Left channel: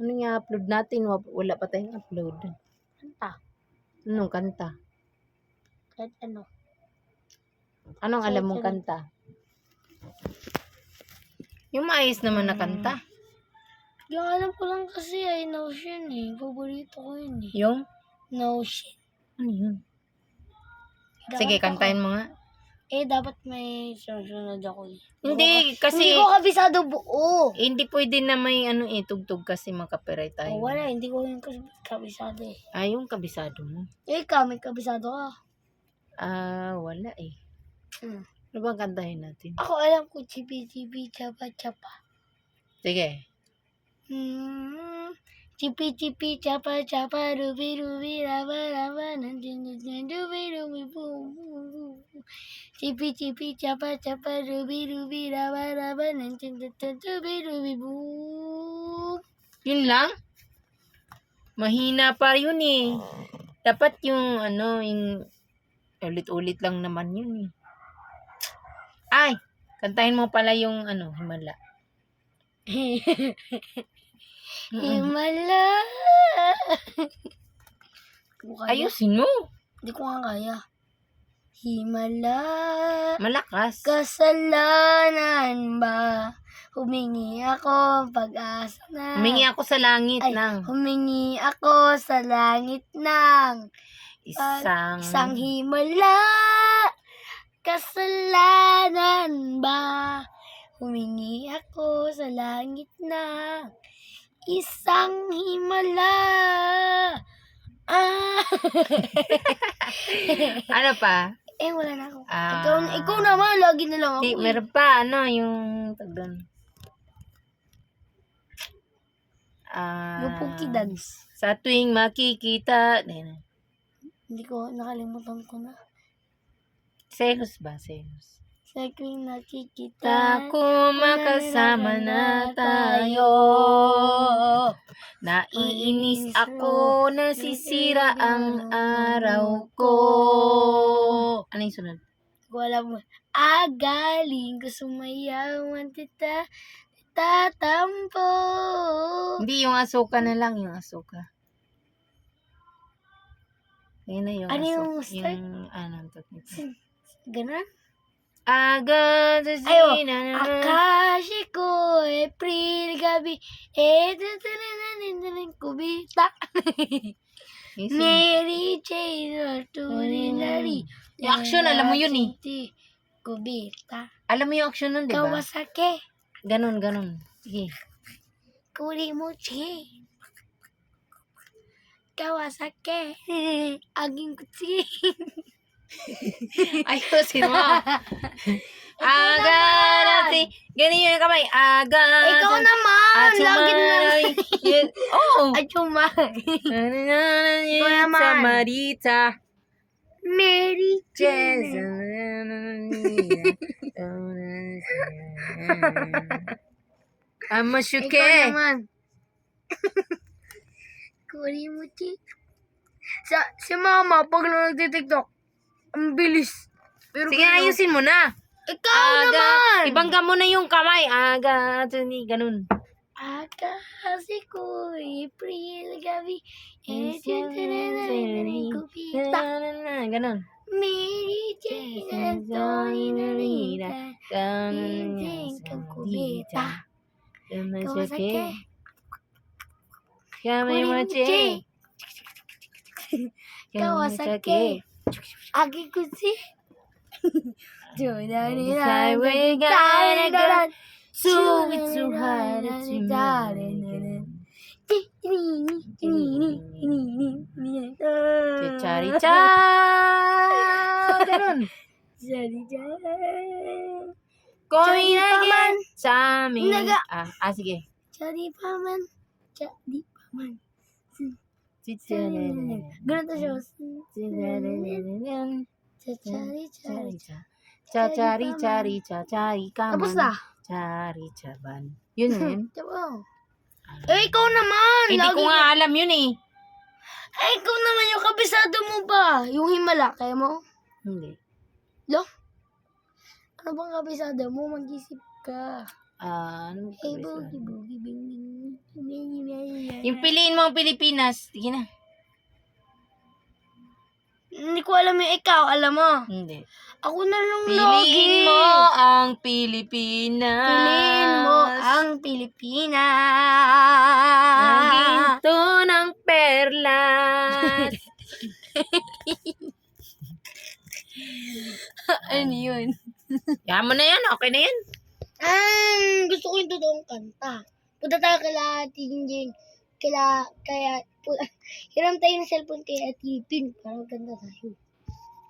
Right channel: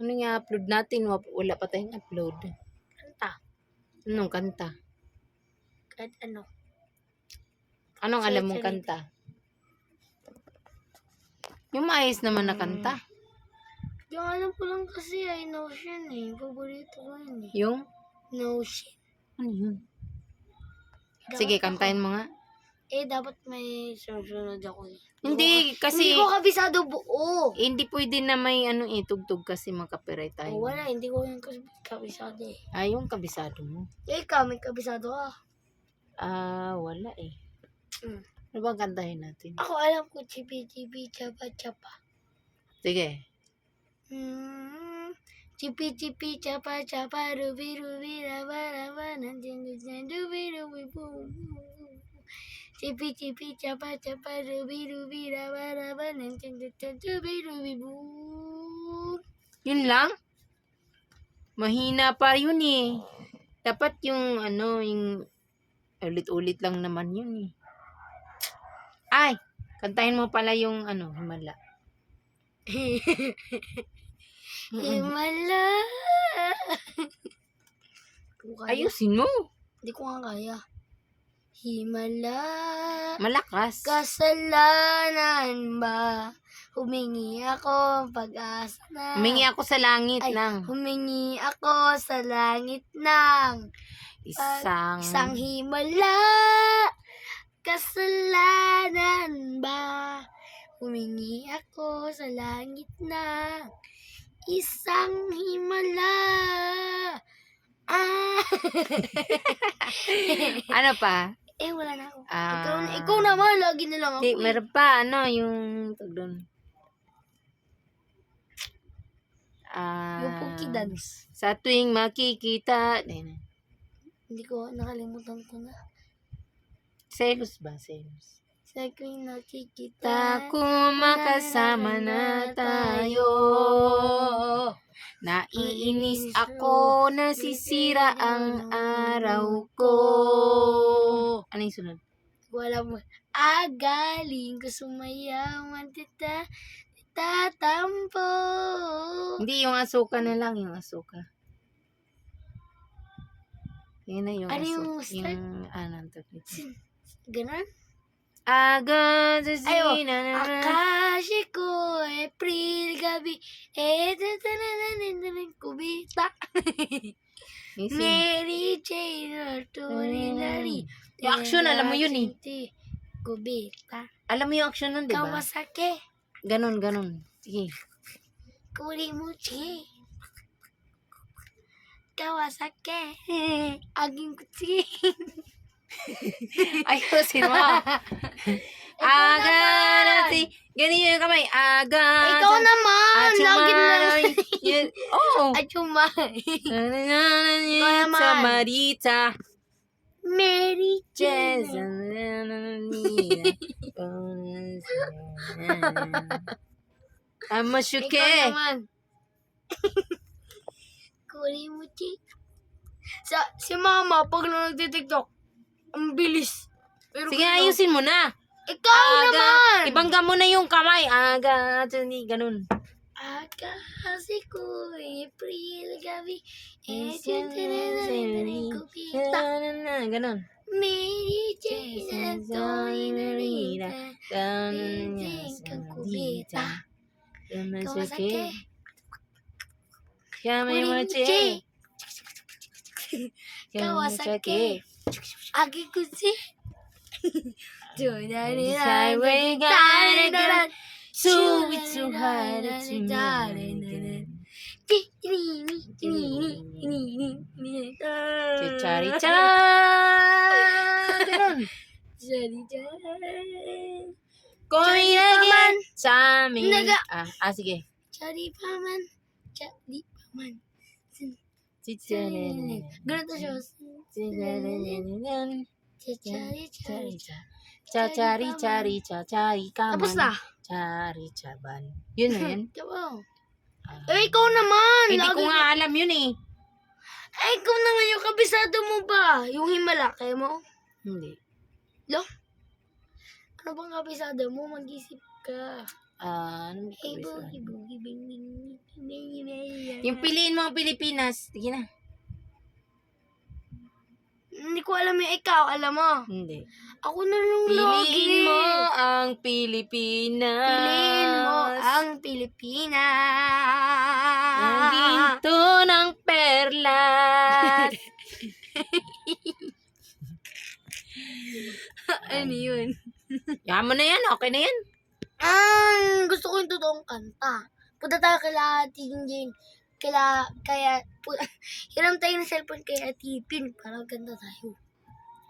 Ano nga upload natin? Wala pa tayong upload. Kanta. Anong kanta? Kahit ano. Anong alam mong Sorry. kanta? Yung maayos naman na kanta. Yung alam ko lang kasi ay Notion eh. Paborito ko yun eh. Yung? Notion. Ano yun? Dapat Sige, ako. kantahin mo nga. Dapat may sunod ako eh. Hindi, kasi... Hindi ko kabisado buo. hindi pwede na may tugtog kasi makapiright tayo. Wala, hindi ko yung kabisado eh. Yung kabisado mo. Ikaw, may kabisado ka. Wala eh. Hmm. Ano bang kantahin natin? Ako alam ko, chipi-chipi, chapa-chapa. Sige. Chipi-chipi, chapa-chapa, rubi-rubi, raba-raba, nandiyan-nandiyan, rubi-rubi, boom, boom. Chipi-chipi, chapa-chapa, rubi-rubi, raba-raba, nandiyan-nandiyan, rubi-rubi, boom. Yun lang? Mahina pa yun eh. Dapat yung yung ulit-ulit lang naman yun eh. Ay, kantahin mo pala yung Himala. Himala. Ayusin mo. Hindi ko nga kaya. Himala. Malakas. Kasalanan ba? Humingi ako pag-asa na. Humingi ako sa langit Humingi ako sa langit ng isang himala. Kasalanan ba? Humingi ako sa langit ng isang himala. Ano pa? Wala na ako. Ikaw naman, lagi na lang ako. Di, meron pa, yung tag doon. Yung Punky Dance. Sa tuwing makikita. Hindi ko, nakalimutan ko na. Selos ba? Selos. Sa tuwing nakikita Kung makasama na tayo. Naiinis ako, nasisira ang araw ko. Ano yung sunod? Wala mo. Galing ko sumayawan tatampo. Hindi, yung asuka na lang, yung asuka. Yun na yung Ano asuka. yung start? Yung, Ganon? Agad sa Akashi ko, April gabi, kubita. Mary Jane, Turinari. Yung action, alam mo yun eh. Kubita. Alam mo yung action nun, di ba? Kawasaki. Ganon. Sige. Kurimuchi. Kawasaki. Aging kutsi. Ayusin mo. Agad si ganyan yung kamay. Agad. Ikaw naman. Lagi na lang. Oo. Achumay. Ikaw naman. Sa Marita. Mary Jane. Amasuke. Ikaw naman. Kurimuchi. Si mama, pag nagtitiktok, ang bilis. Pero sige, ayusin mo na. Ikaw naman. Ibangga mo na yung kamay. Agad. Ganun. Kasi ko, April gabi. Ganun. Mary Jane, Anthony Narita. Piling kang kubita. Kawasaki. Kurimuchi. Kawasaki. Agi kusi. Johnny highway daran. Charicha. Ganun. Charicha. Koya paman. Sa amin. Sige. Chari paman. Ganun to siya. Chari kaman. Tapos na. Chari chaban. Yun na yun. Ikaw naman. Hindi ko nga alam yun eh. Ikaw naman yung kabisado mo ba? Yung himala, kaya mo? Hindi. Lo? Ano bang kabisado mo? Mag-isip ka. Ano Hey, boogie, boogie, bing, bing, bing, bing, bing, Yung piliin mo ang Pilipinas. Sige na. Hindi ko alam yung ikaw, alam mo. Hindi. Ako na lang Piliin lagi. mo ang Pilipinas. Piliin mo ang Ang Pilipinas. ginto ng perlas. Ano yun? Yan mo na yan. Okay na yan. Gusto ko yung totoong kanta. Punta tayo kila Tinjin. Hiram tayo ng cellphone kay Ate Pin para ganda tayo.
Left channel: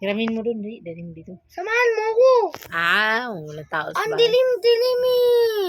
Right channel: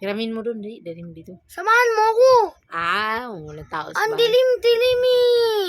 Hiramin mo doon. Dali mo dito. Samahan mo ako. Walang tao sa Ang bahay. dilim-dilim eh.